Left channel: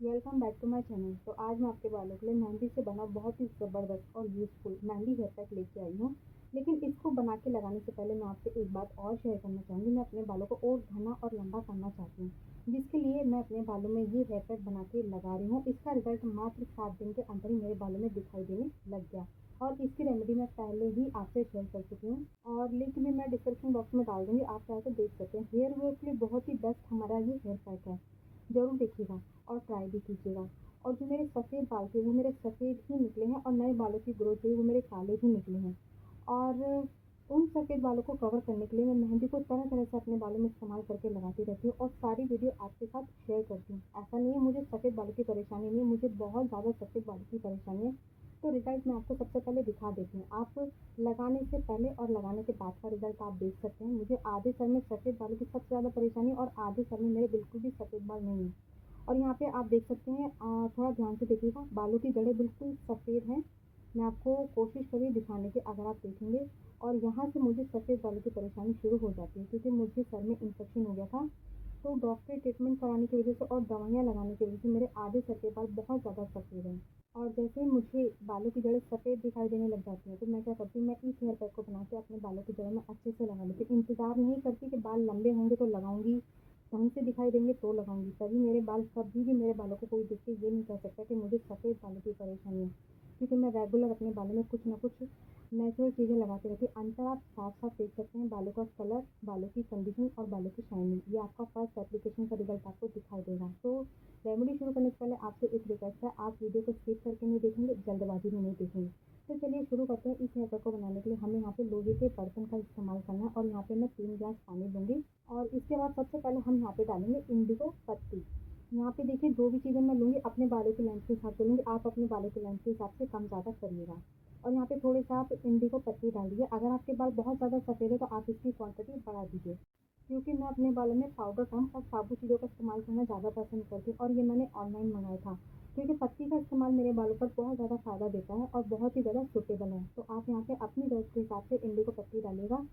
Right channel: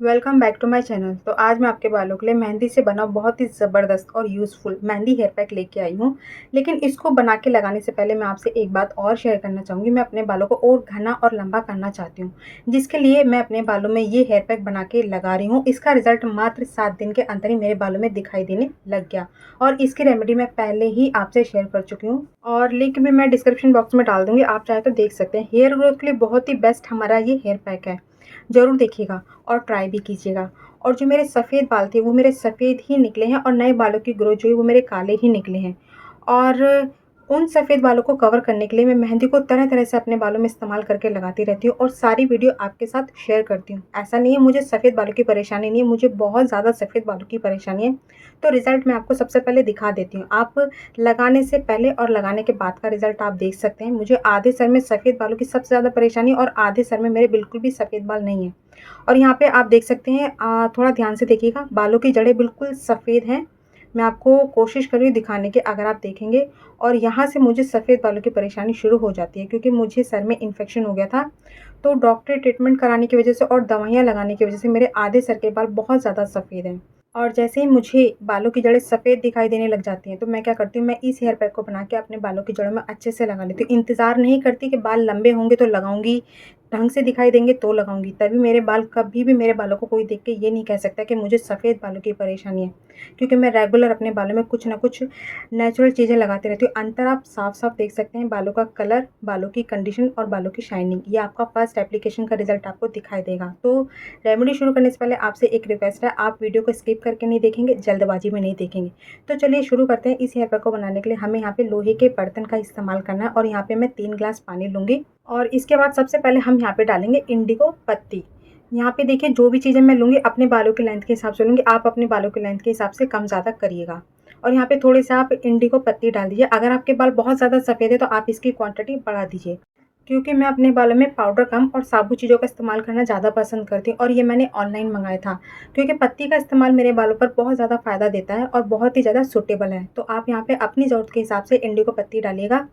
Welcome back to my channel. तो आज मैं आपके बालों के लिए मेहंदी से बना बहुत ही ज़बरदस्त और यूज़फुल मेहंदी हेयर पैक लेके आई हूँ। लेकिन इसको बना के लगाने से पहले मैं आपसे एक बात और शेयर करना चाहूँगी। मैं अपने बालों को और घना और लंबा करना चाहती हूँ, जिसके लिए मैं अपने बालों में ये हेयर पैक बना के लगा रही हूँ। इसका रिजल्ट मात्र 7 दिन के अंदर ही मेरे बालों में दिखाई देने लग गया और इसकी रेमेडी मैं पहले ही आपसे शेयर कर चुकी हूँ और लिंक भी मैं डिस्क्रिप्शन बॉक्स में डाल दूँगी, आप चाहे तो देख सकते हैं। हेयर ग्रोथ के लिए बहुत ही बेस्ट हमारा ये हेयर पैक है, ज़रूर देखिएगा और ट्राई भी कीजिएगा। और जो मेरे सफ़ेद बाल थे वो मेरे सफ़ेद ही निकले हैं और नए बालों की ग्रोथ जो है वो मेरे काले ही निकले हैं। और उन सफ़ेद बालों को कवर करने के लिए मैं मेहंदी को तरह-तरह से अपने बालों में इस्तेमाल करके लगाती रहती हूँ और सारी वीडियो आपके साथ शेयर करती हूँ। ऐसा नहीं है मुझे सफ़ेद बालों की परेशानी नहीं है, मुझे बहुत ज़्यादा सफ़ेद बालों की परेशानी है। तो रिज़ल्ट मैं आपको सबसे पहले दिखा देती हूँ। आप लगाने से पहले और लगाने के बाद का रिज़ल्ट आप देख सकते हैं। मुझे आधे सर में सफ़ेद बालों की सबसे ज़्यादा परेशानी है और आधे सर में मेरे बिल्कुल भी सफ़ेद बाल नहीं हैं। और यहाँ पे आप देख सकते हैं, थोड़ा ध्यान से देखिएगा, बालों की जड़ें बिल्कुल सफ़ेद हैं। मैं आपको कोशिश कर रही हूँ दिखाने की, अगर आप देखेंगे। और यहाँ से मुझे सफ़ेद बालों की परेशानी शुरू हो जाती है क्योंकि मुझे सर में इन्फेक्शन हो गया था। तो डॉक्टरी ट्रीटमेंट कराने की वज़ह से और दवाइयाँ लगाने की वज़ह से मेरे आधे सर के बाल बहुत ज़्यादा सफ़ेद हैं। और जैसे ही मुझे बालों की जड़ें सफ़ेद दिखाई देने लग जाती हैं, तो मैं क्या करती हूँ, मैं इस हेयर पैक को बना के अपने बालों की जड़ों में अच्छे से लगा लेती हूँ। इंतज़ार नहीं करती कि बाल लंबे होंगे तो लगाऊँगी, ढंग से दिखाई देंगे तो लगाऊँगी, तभी मेरे बाल, कभी भी मेरे बालों को कोई देख के ये नहीं कह सकता कि मुझे सफ़ेद बालों की परेशानी है। क्योंकि मैं रेगुलर अपने बालों में कुछ ना कुछ नेचुरल चीज़ें लगाती रहती हूँ। अंतर आप साफ-साफ देख सकते हैं, बालों का कलर, बालों की कंडीशन और बालों की शाइनिंग। ये आपका फर्स्ट एप्लीकेशन का रिज़ल्ट आपको दिखाई देगा। तो रेमेडी शुरू करने से पहले आपसे एक रिक्वेस्ट है, आप वीडियो को स्किप करके नहीं देखेंगे, जल्दबाजी में नहीं देखेंगे। तो चलिए शुरू करते हैं। इस हेयर पैक को बनाने के लिए हमें यहाँ पे लोहे के बर्तन का इस्तेमाल करना है और यहाँ पे मैं 3 ग्लास पानी लूँगी। और इसके बाद सबसे पहले हम यहाँ पे डालेंगे इंडिगो पत्ती। यहाँ पे देखिए, जो भी चीज़ें मैं लूँगी अपने बालों की लेंथ के हिसाब से लूँगी, आप अपने बालों की लेंथ के हिसाब से कम ज़्यादा करिएगा। और यहाँ पे थोड़े से आप इंडिगो पत्ती डाल दीजिए। अगर आपके बाल बहुत ज़्यादा सफ़ेद है तो आप इसकी क्वांटिटी बढ़ा दीजिए। क्योंकि मैं अपने बालों में पाउडर कम और साबुत चीज़ों का इस्तेमाल करना ज़्यादा पसंद करती हूँ और ये मैंने ऑनलाइन मंगाया था। क्योंकि पत्ती का इस्तेमाल मेरे बालों पर बहुत ज़्यादा फ़ायदा देता है और बहुत ही ज़्यादा सूटेबल है। तो आप यहाँ पे अपनी ज़रूरत के हिसाब से इंडिगो पत्ती डालिएगा।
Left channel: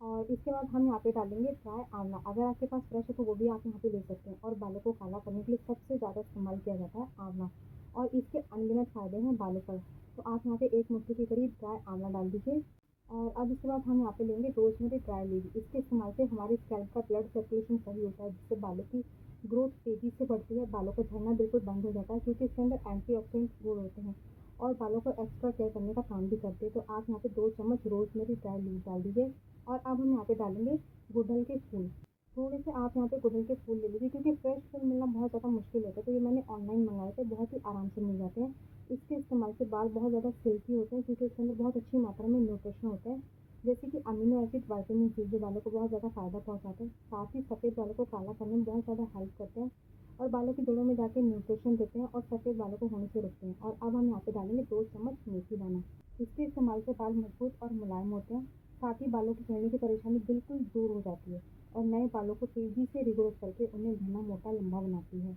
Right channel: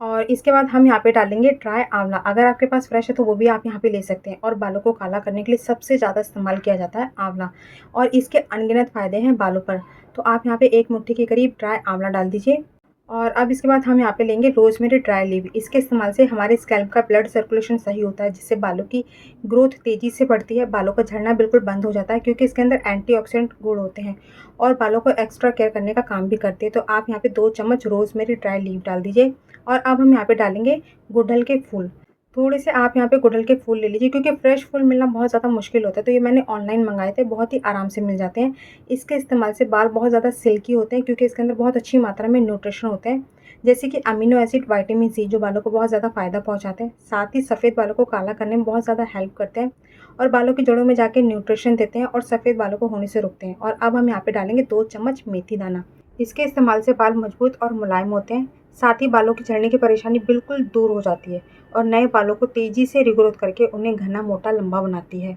और इसके बाद हम यहाँ पे डालेंगे ड्राई आंवला। अगर आपके पास फ्रेश है तो वो भी आप यहाँ पे ले सकते हैं। और बालों को काला करने के लिए सबसे ज़्यादा इस्तेमाल किया जाता है आंवला और इसके अनगिनत फ़ायदे हैं बालों पर। तो आप यहाँ पे 1 मुट्ठी के करीब ड्राई आंवला डाल दीजिए। और अब इसके बाद हम यहाँ पे लेंगे रोज़मेरी ड्राई लीफ। इसके इस्तेमाल से हमारे स्कैल्प का ब्लड सर्कुलेशन सही होता है, जिससे बालों की ग्रोथ तेज़ी से बढ़ती है, बालों का झड़ना बिल्कुल बंद हो जाता है क्योंकि इसके अंदर एंटीऑक्सीडेंट गुण होते हैं और बालों को एक्स्ट्रा केयर करने का काम भी करते हैं। तो आप यहाँ पे 2 चम्मच रोज़मेरी ड्राई लीफ डाल दीजिए। और अब हम यहाँ पे डालेंगे गुड़हल के फूल। थोड़े से आप यहाँ पे गुड़हल के फूल ले लीजिए क्योंकि फ्रेश फूल मिलना बहुत ज़्यादा मुश्किल होता है। तो ये मैंने ऑनलाइन मंगाए थे, बहुत ही आराम से मिल जाते हैं। इसके इस्तेमाल से बाल बहुत ज़्यादा सिल्की होते हैं क्योंकि इसके अंदर बहुत अच्छी मात्रा में न्यूट्रिशन होते हैं, जैसे कि अमीनो एसिड, विटामिन सी, जो बालों को बहुत ज़्यादा फ़ायदा पहुँचाते हैं। साथ ही सफ़ेद बालों को काला करने में बहुत ज़्यादा हेल्प करते हैं और बालों की जड़ों में जाके न्यूट्रिशन देते हैं और सफ़ेद बालों को होने से रोकते हैं। और अब हम यहाँ पे डालेंगे 2 चम्मच मेथी दाना। इसके इस्तेमाल से बाल मजबूत और मुलायम होते हैं। साथ ही बालों की झड़ने की परेशानी बिल्कुल दूर हो जाती है और नए बालों को तेज़ी से रिग्रोथ करके उन्हें घना, मोटा, लंबा बनाती है।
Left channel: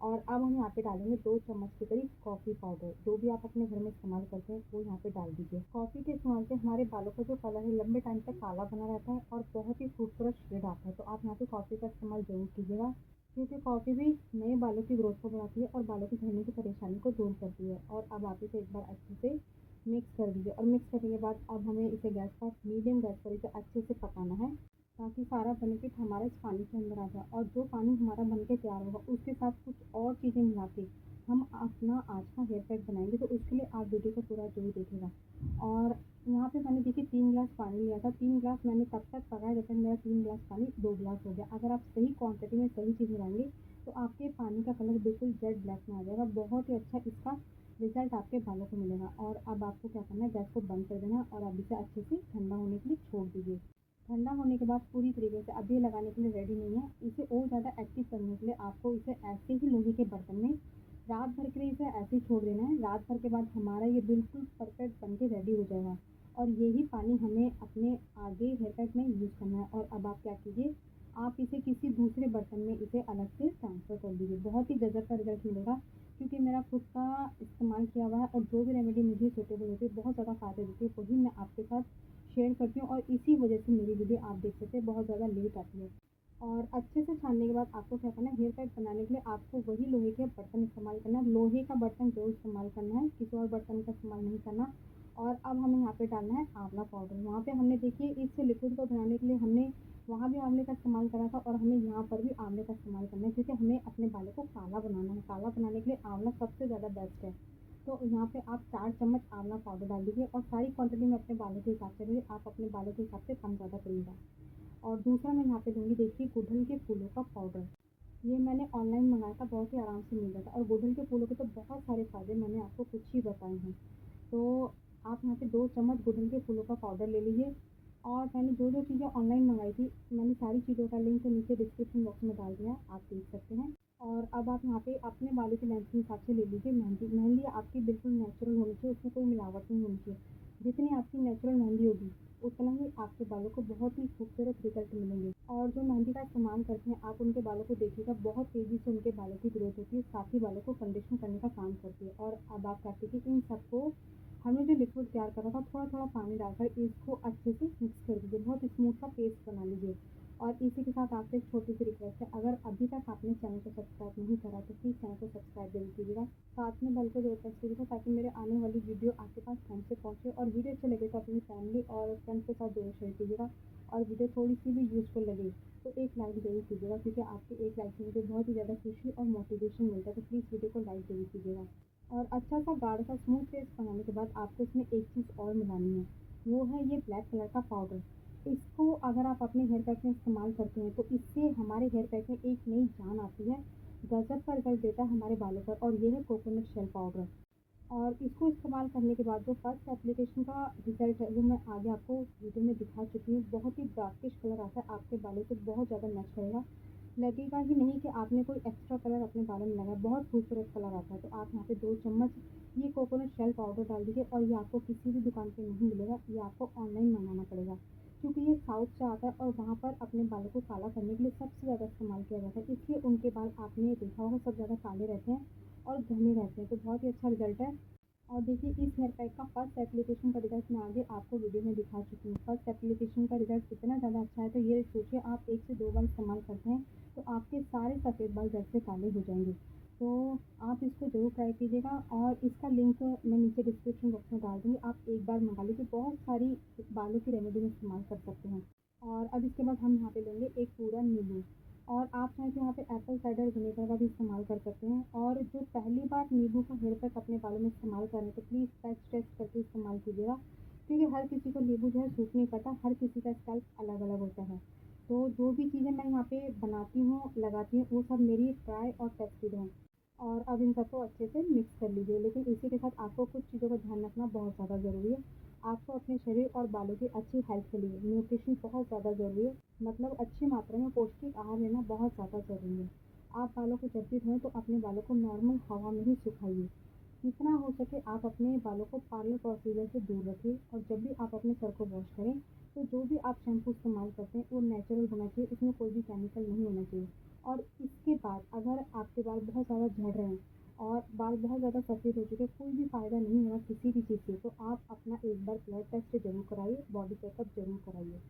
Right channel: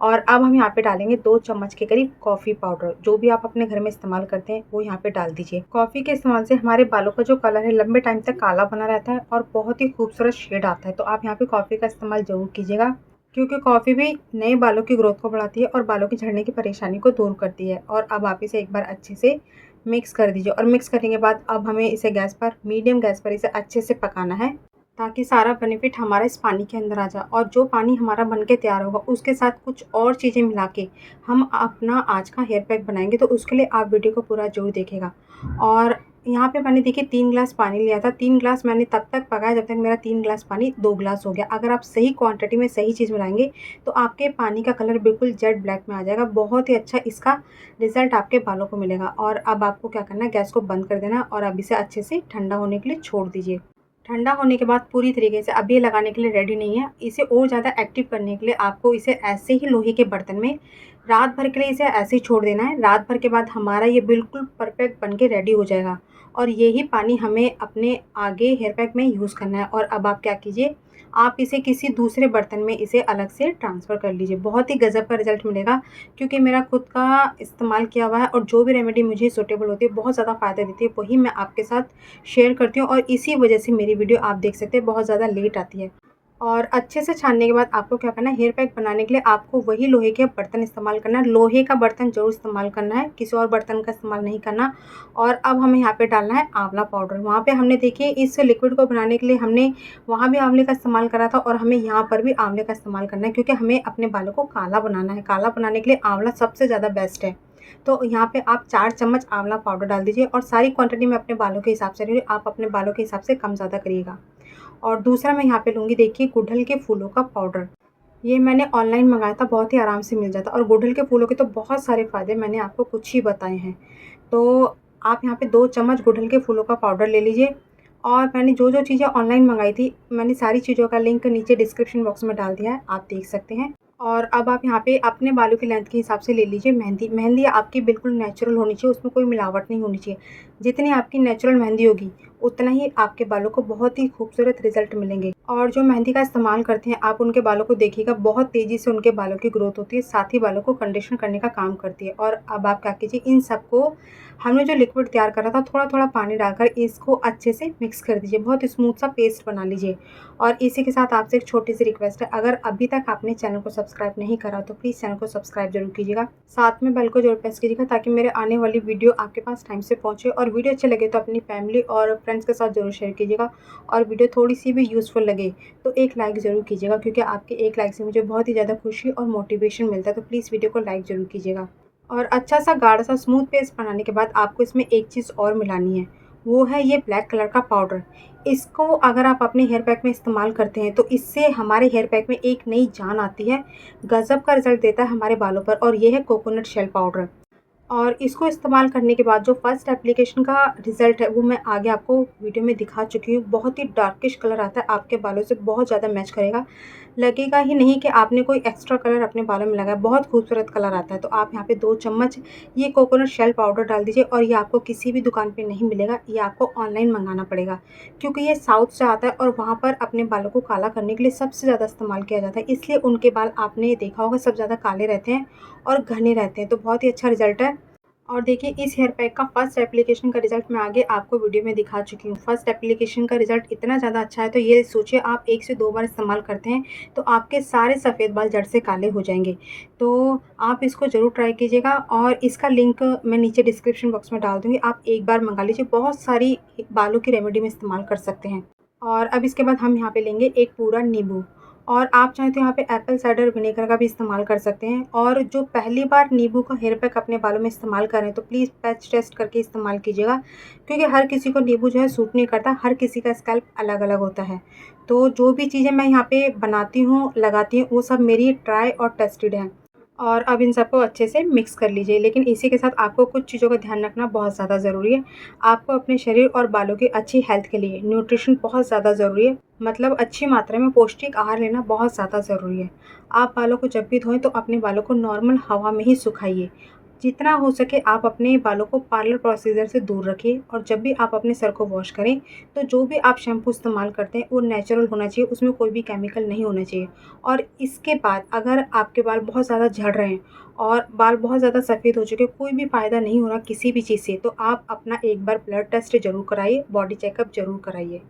और अब हम यहाँ पे डालेंगे 2 चम्मच के करीब कॉफ़ी पाउडर। जो भी आप अपने घर में इस्तेमाल करते हैं वो यहाँ पे डाल दीजिए। कॉफ़ी के इस्तेमाल से हमारे बालों का जो कलर है लंबे टाइम तक काला बना रहता है और बहुत ही खूबसूरत शेड आता है। तो आप यहाँ पे कॉफ़ी का इस्तेमाल ज़रूर कीजिएगा क्योंकि कॉफ़ी भी नए बालों की ग्रोथ को बढ़ाती है और बालों की झड़ने की परेशानी को दूर करती है। और अब आप इसे एक बार अच्छे से मिक्स कर दीजिए और मिक्स करने के बाद अब हमें इसे गैस पर, मीडियम गैस पर इसे अच्छे से पकाना है ताकि सारा बेनिफिट हमारा इस पानी के अंदर आ जाए। और जो पानी हमारा बन के तैयार होगा उसके साथ कुछ और चीज़ें मिला के हम अपना आज का हेयर पैक बनाएंगे। तो उसके लिए आप वीडियो को पूरा जरूर देखिएगा। और यहाँ पे मैंने देखिए 3 ग्लास पानी लिया था। 3 ग्लास मैंने तब तक पकाया जब तक मेरा 3 ग्लास पानी 2 ग्लास हो गया। अगर आप सही क्वांटिटी में सही चीज़ मिलाएंगे तो आपके पानी का कलर बिल्कुल जेड ब्लैक में आ जाएगा। बहुत ही अच्छा इसका रिजल्ट आपके बालों को मिलेगा। और अब आपको क्या करना है, गैस को बंद कर देना और अब इसे अच्छे से ठंडा होने के लिए छोड़ दीजिए। ठंडा होने के बाद पूरी तरीके से अब ये लगाने के लिए रेडी नहीं है। इसे और ज़्यादा एक्टिव करने के लिए आपको इसे ऐसे ही लोहे के बर्तन में रात भर के लिए इसे ऐसे ही छोड़ देना है। रात भर के बाद हमारा ये बिल्कुल परफेक्ट बन के रेडी हो जाएगा और यही पानी हमें अपने आगे हेयर पैक में यूज़ करना है। और अब आप क्या कीजिए, आप इसे किसी दूसरे बर्तन में इसे अलग से ट्रांसफ़र कर लीजिए। बहुत ही गज़ब का रिज़ल्ट मिलेगा क्योंकि मेरा खुद का इस्तेमाल किया हुआ है और जो भी रेमेडी मुझे सूटेबल होती है, बहुत ज़्यादा फ़ायदा देती है, वही मैं आपके साथ शेयर करती हूँ और इसी वजह से मेरी वीडियो आप देख सकते हैं बहुत ज़्यादा लेट आती है। और अच्छे से छानने के बाद आपको क्या करना है, हेयर पैक बनाने के लिए आपको वही लोहे के बर्तन इस्तेमाल करना है। लोहे का बर्तन ज़रूर इस्तेमाल करना है, किसी और बर्तन का इस्तेमाल नहीं करना। और अब हमें यहाँ पे डालना है आंवला पाउडर। वहाँ पे हमने देखिए इस लिक्विड को बनाने के लिए हमने वहाँ भी आंवले का इस्तेमाल करा था और हमें यहाँ पर भी आंवले का इस्तेमाल करना है, क्योंकि हमें अपने बालों को काला बनाना है। काला बनाने के लिए आंवला सबसे ज़्यादा बेस्ट है। तो यहाँ पे आप 4 चम्मच आंवला पाउडर डाल दीजिए और सारी क्वांटिटी मैं अपने बालों के हिसाब से ले रही हूँ, आप अपने बालों के हिसाब से कम ज़्यादा करिएगा। और दूसरा मैं यहाँ पे लूँगी देखिए गुड़हल के फूलों का पाउडर। ये मैंने ऑनलाइन मंगाया था, बहुत ही आराम से मिल जाता है और गुड़हल के फूलों के तो बहुत सारे फ़ायदे मैंने आपको कुछ ही बताए हैं। तो आप यहाँ पे 2 चम्मच गुड़हल के फूलों का पाउडर ले लीजिए। और मैंने जो-जो चीज़ें ऑनलाइन मंगाई थी, मैंने सारी चीज़ों का लिंक नीचे डिस्क्रिप्शन बॉक्स में डाल दिया है, आप देख सकते हैं। और अब आप यहाँ पे अपने बालों की लेंथ के हिसाब से ले लीजिए मेहंदी। मेहंदी आपकी बिल्कुल नेचुरल होनी चाहिए, उसमें कोई मिलावट नहीं होनी चाहिए। जितनी आपकी नेचुरल मेहंदी होगी, उतना ही आपके बालों को बहुत ही खूबसूरत रिज़ल्ट मिलेंगे। और जो मेहंदी का इस्तेमाल करते हैं, आप उनके बालों को देखिएगा, बहुत तेज़ी से उनके बालों की ग्रोथ होती है, साथ ही बालों को कंडीशन करने का काम करती है। और अब आप क्या कीजिए, इन सबको हमने जो लिक्विड तैयार करा था, थोड़ा-थोड़ा पानी डालकर इसको अच्छे से मिक्स कर दीजिए, बहुत स्मूथ सा पेस्ट बना लीजिए। और इसी के साथ आपसे एक छोटी-सी रिक्वेस्ट है, अगर अभी तक आपने चैनल को सब्सक्राइब नहीं करा तो प्लीज़ चैनल को सब्सक्राइब ज़रूर कीजिएगा। साथ में बेल को ज़रूर प्रेस कीजिएगा ताकि मेरे आने वाली वीडियो आपके पास टाइम से पहुँचे। और वीडियो अच्छी लगे तो अपनी फैमिली और फ्रेंड्स के साथ ज़रूर शेयर कीजिएगा। और वीडियो थोड़ी-सी भी यूज़फुल लगे तो एक लाइक ज़रूर कीजिएगा, क्योंकि आपके एक लाइक से मुझे बहुत ही ज़्यादा खुशी और मोटिवेशन मिलता है। तो प्लीज़ वीडियो को लाइक ज़रूर कीजिएगा। और अच्छा सा गाढ़ा सा स्मूथ पेस्ट बनाने के बाद आपको इसमें एक चीज़ और मिलानी है, वो है ये ब्लैक कलर का पाउडर। इसको अगर आप अपने हेयर पैक में इस्तेमाल करते हैं तो इससे हमारे हेयर पैक में एक नई जान आती है, गज़ब का रिज़ल्ट देता है हमारे बालों पर। और ये है कोकोनट शेल पाउडर। और इसको इस्तेमाल करने के बाद जो फर्स्ट एप्लीकेशन का रिज़ल्ट है वो मैं आगे आपको वीडियो में दिखा चुकी हूँ। बहुत ही डार्किश कलर आता है, आपके बालों से बहुत ज़्यादा मैच करेगा। लगेगा ही नहीं कि आपने कोई एक्स्ट्रा कलर अपने बालों में लगाया, बहुत खूबसूरत कलर आता है। तो आप यहाँ पे 2 चम्मच ये कोकोनट शेल पाउडर डाल दीजिए। और ये आपको किसी भी दुकान पे नहीं मिलेगा, ये आपको ऑनलाइन मंगाना पड़ेगा, क्योंकि ये साउथ से आता है और वहाँ पर अपने बालों को काला करने के लिए सबसे ज़्यादा इस्तेमाल किया जाता है। इसलिए उनके बाल आपने देखा होगा सब ज़्यादा काले रहते हैं और घने रहते हैं। तो बहुत ही अच्छा रिज़ल्ट है। और देखिए इस हेयर पैक का फर्स्ट एप्लीकेशन का रिज़ल्ट मैं आगे आपको वीडियो में दिखा चुकी हूँ। फर्स्ट एप्लीकेशन का रिज़ल्ट इतना ज़्यादा अच्छा है, तो ये सोचिए आप 1 से 2 बार इस्तेमाल करते हैं तो आपके सारे सफ़ेद बाल जड़ से काले हो जाएँगे। तो आप इसको ज़रूर ट्राई कीजिएगा और इसका लिंक मैं नीचे डिस्क्रिप्शन बॉक्स में डाल दूँगी। आप एक बार मँगा लीजिए, बहुत सारी बालों की रेमेडी में इस्तेमाल कर सकते हैं। और अब इसके बाद हम यहाँ पे लेंगे एक पूरा नींबू। और आप चाहें तो यहाँ पे एप्पल साइडर विनेगर का भी इस्तेमाल कर सकते हैं। और जो पहली बार नींबू का हेयर पैक अपने बालों में इस्तेमाल करें तो प्लीज़ पैच टेस्ट करके इस्तेमाल कीजिएगा, क्योंकि हर किसी को नींबू जो है सूट नहीं करता, हर किसी का स्कैल्प अलग-अलग होता है। तो जो भी चीज़ें मैं यहाँ पे बनाती हूँ, लगाती हूँ, वो सब मेरी ट्राई और टेस्टेड हैं। और अब इन सबको अच्छे से मिक्स कर लीजिए। लेकिन इसी के साथ आपको कुछ चीज़ों का ध्यान रखना बहुत ज़्यादा ज़रूरी है। आपको अपने शरीर और बालों की अच्छी हेल्थ के लिए न्यूट्रिशन बहुत ज़्यादा ज़रूरी है। मतलब अच्छी मात्रा में पौष्टिक आहार लेना बहुत ज़्यादा ज़रूरी है। आप बालों को जब भी धोएँ तो अपने बालों को नॉर्मल हवा में ही सुखाइए। जितना हो सके आप अपने बालों को पार्लर प्रोसीजर से दूर रखिए। और जब भी आप अपने सर को वॉश करें तो जो भी आप शैम्पू इस्तेमाल करते हैं वो नेचुरल होना चाहिए, उसमें कोई भी केमिकल नहीं होना चाहिए। और इसके बाद अगर आपके बाल बहुत ज़्यादा झड़ रहे हैं और बाल बहुत ज़्यादा सफ़ेद हो चुके हैं, कोई भी फ़ायदा नहीं हो रहा किसी भी चीज़ से, तो आप अपना एक बार ब्लड टेस्ट ज़रूर कराइए, बॉडी चेकअप ज़रूर कराइए।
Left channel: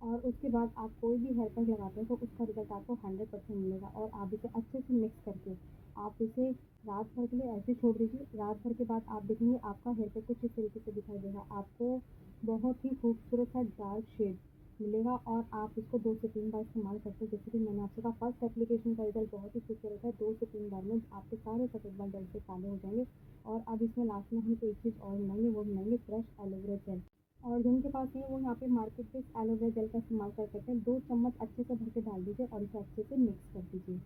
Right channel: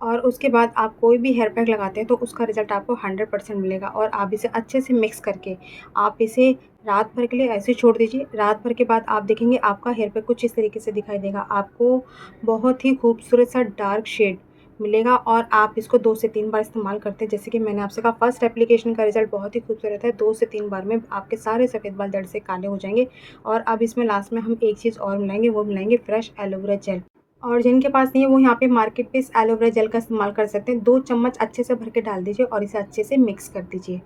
और उसके बाद आप कोई भी हेयर पैक लगाते हैं तो उसका रिज़ल्ट आपको 100% मिलेगा। और आप इसे अच्छे से मिक्स करके आप इसे रात भर के लिए ऐसे ही छोड़ दीजिए। रात भर के बाद आप देखेंगे आपका हेयर पैक कुछ इस तरीके से दिखाई देगा। आपको बहुत ही खूबसूरत सा डार्क शेड मिलेगा। और आप इसको 2 से 3 बार इस्तेमाल करते हैं, जैसे कि मैंने आपसे कहा फर्स्ट एप्लीकेशन का रिज़ल्ट बहुत ही खूबसूरत है। 2 से 3 बार में आपके सारे सफ़ेद बाल जड़ से काले हो जाएँगे। और अब इसमें लास्ट में हम एक चीज़ और मिलाएँगे, वो मिलाएँगे फ्रेश एलोवेरा जेल। और जिनके पास नहीं है वो यहाँ पे मार्केट पे इस एलोवेरा जेल का इस्तेमाल कर सकते हैं। 2 चम्मच अच्छे से भर के डाल दीजिए और इसे अच्छे से मिक्स कर दीजिए।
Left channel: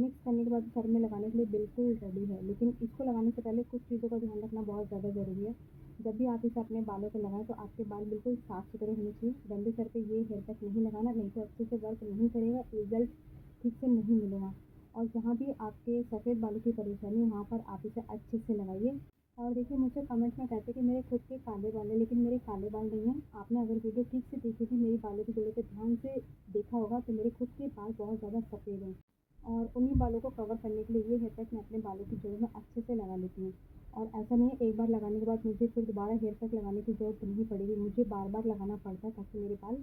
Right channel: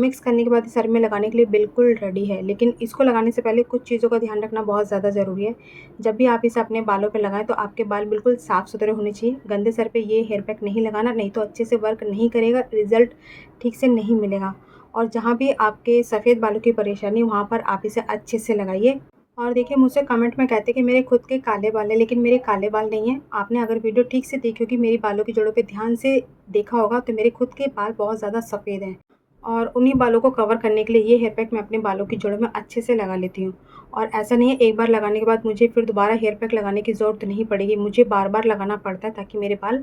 मिक्स करने के बाद सर में लगाने के लिए बिल्कुल रेडी है। लेकिन इसको लगाने से पहले कुछ चीज़ों का ध्यान रखना बहुत ज़्यादा ज़रूरी है। जब भी आप इसे अपने बालों पे लगाएँ तो आपके बाल बिल्कुल साफ़-सुथरे होने चाहिए। गंदे सर पे ये हेयर पैक नहीं लगाना, नहीं तो अच्छे से वर्क नहीं करेगा, रिज़ल्ट ठीक से नहीं मिलेगा। और जहाँ भी आपके सफ़ेद बालों की परेशानी वहाँ पर आप इसे अच्छे से लगाइए। और देखिए मुझसे कमेंट में कहते हैं कि मेरे खुद के काले बाल हैं, लेकिन मेरे काले बाल नहीं हैं। आपने अगर वीडियो ठीक से देखी होगी, मेरी बालों की जड़ों पे ध्यान से देखा होगा तो मेरे खुद के बाल बहुत ज़्यादा सफ़ेद हैं। और उन्हीं बालों को कवर करने के लिए ये हेयर पैक मैं अपने बालों की जड़ों में अच्छे से लगा लेती हूँ। और ऐसा नहीं है एक बार लगाने के बाद मुझे फिर दोबारा हेयर पैक लगाने की ज़रूरत नहीं पड़ेगी, मुझे बार-बार लगाना पड़ता है ताकि मेरे बाल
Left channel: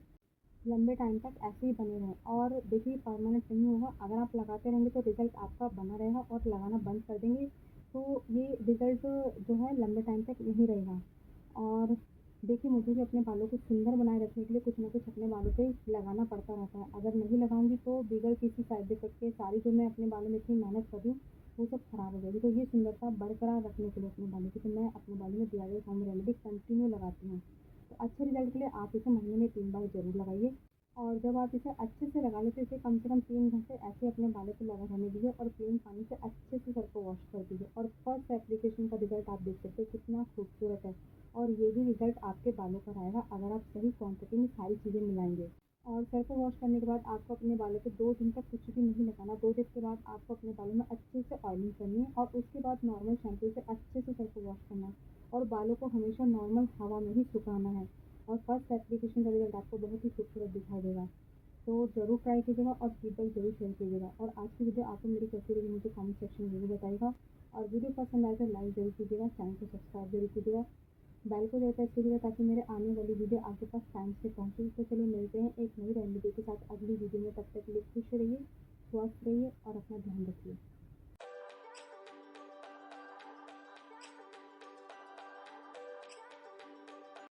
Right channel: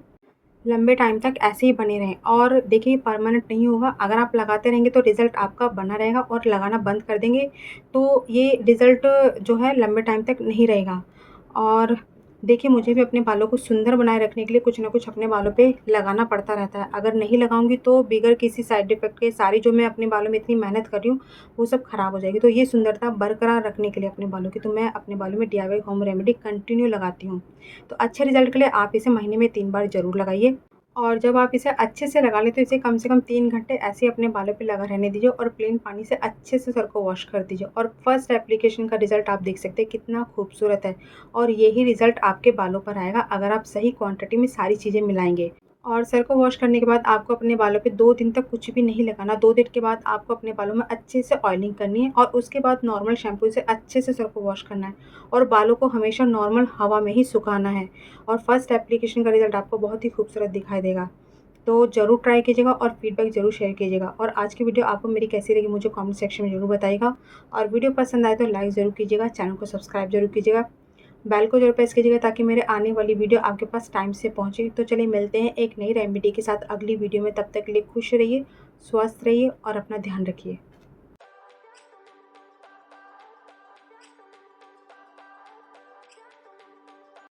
लंबे टाइम तक ऐसे ही बने रहें। और देखिए परमानेंट नहीं होगा, अगर आप लगाते रहेंगे तो रिज़ल्ट आपका बना रहेगा और लगाना बंद कर देंगे तो ये रिज़ल्ट जो है लंबे टाइम तक नहीं रहेगा। और देखिए मुझे भी अपने बालों को सुंदर बनाए रखने के लिए कुछ ना कुछ अपने बालों पे लगाना पड़ता रहता है। अगर नहीं लगाऊँगी तो बगैर किसी साइड इफ़ेक्ट के सारी जो मैं अपने बालों में इतनी मेहनत कर रही हूँ, वो सब खराब हो जाएगी। तो ये सुंदरता बरकरार रखने के लिए अपने बालों की, तो मैं अपने बालों में डीआईवाई होम रेमेडी कंटिन्यू लगाती हूँ। तो अच्छे रिज़ल्ट के लिए आप इसे महीने में 3 बार ज़रूर लगाइए। और जब आप इसे अच्छे से लगा लें तो इसे कम से कम 3 घंटे ऐसे ही अपने बालों पे लगा रहने दीजिए और प्लेन पानी से अच्छे से सर को वॉश कर दीजिए। और फर्स्ट एप्लीकेशन का रिज़ल्ट आप देख सकते हैं कितना खूबसूरत है। और यही रिज़ल्ट आपके बालों पर आएगा अगर आप सही क्वांटिटी में सारी चीज़ें मिलाएँगे। और सर को वॉश करने के बाद आपको अपने बालों पे 2 दिन तक कुछ भी नहीं लगाना। 2 दिन के बाद आपको अपने बालों में अच्छे से ऑयलिंग करनी है और उसके बाद नॉर्मल शैम्पू से अच्छे से सर को वॉश करना है और बालों को हमेशा नॉर्मल हवा में ही सुखाना है। और फर्स्ट एप्लीकेशन का रिज़ल्ट आपको बहुत ही खूबसूरत दिखाई देगा। तो ज़रूर ट्राई कीजिएगा और फीडबैक ज़रूर शेयर कीजिएगा। और आज की वीडियो आपको मेरी कैसी लगी मुझे कमेंट सेक्शन में ज़रूर बताइएगा। और वीडियो पसंद आए तो लाइक ज़रूर कीजिएगा, चैनल को सब्सक्राइब ज़रूर कीजिएगा, बेल को ज़रूर प्रेस कीजिएगा ताकि मेरे आने वाली वीडियो आपके पास टाइम से पहुँचे। तो चलिए मिलते हैं एक नई रेमेडी के साथ अगली वीडियो में, तब तक के लिए खुश रहिए, स्वस्थ रहिए और अपना ध्यान रखिए।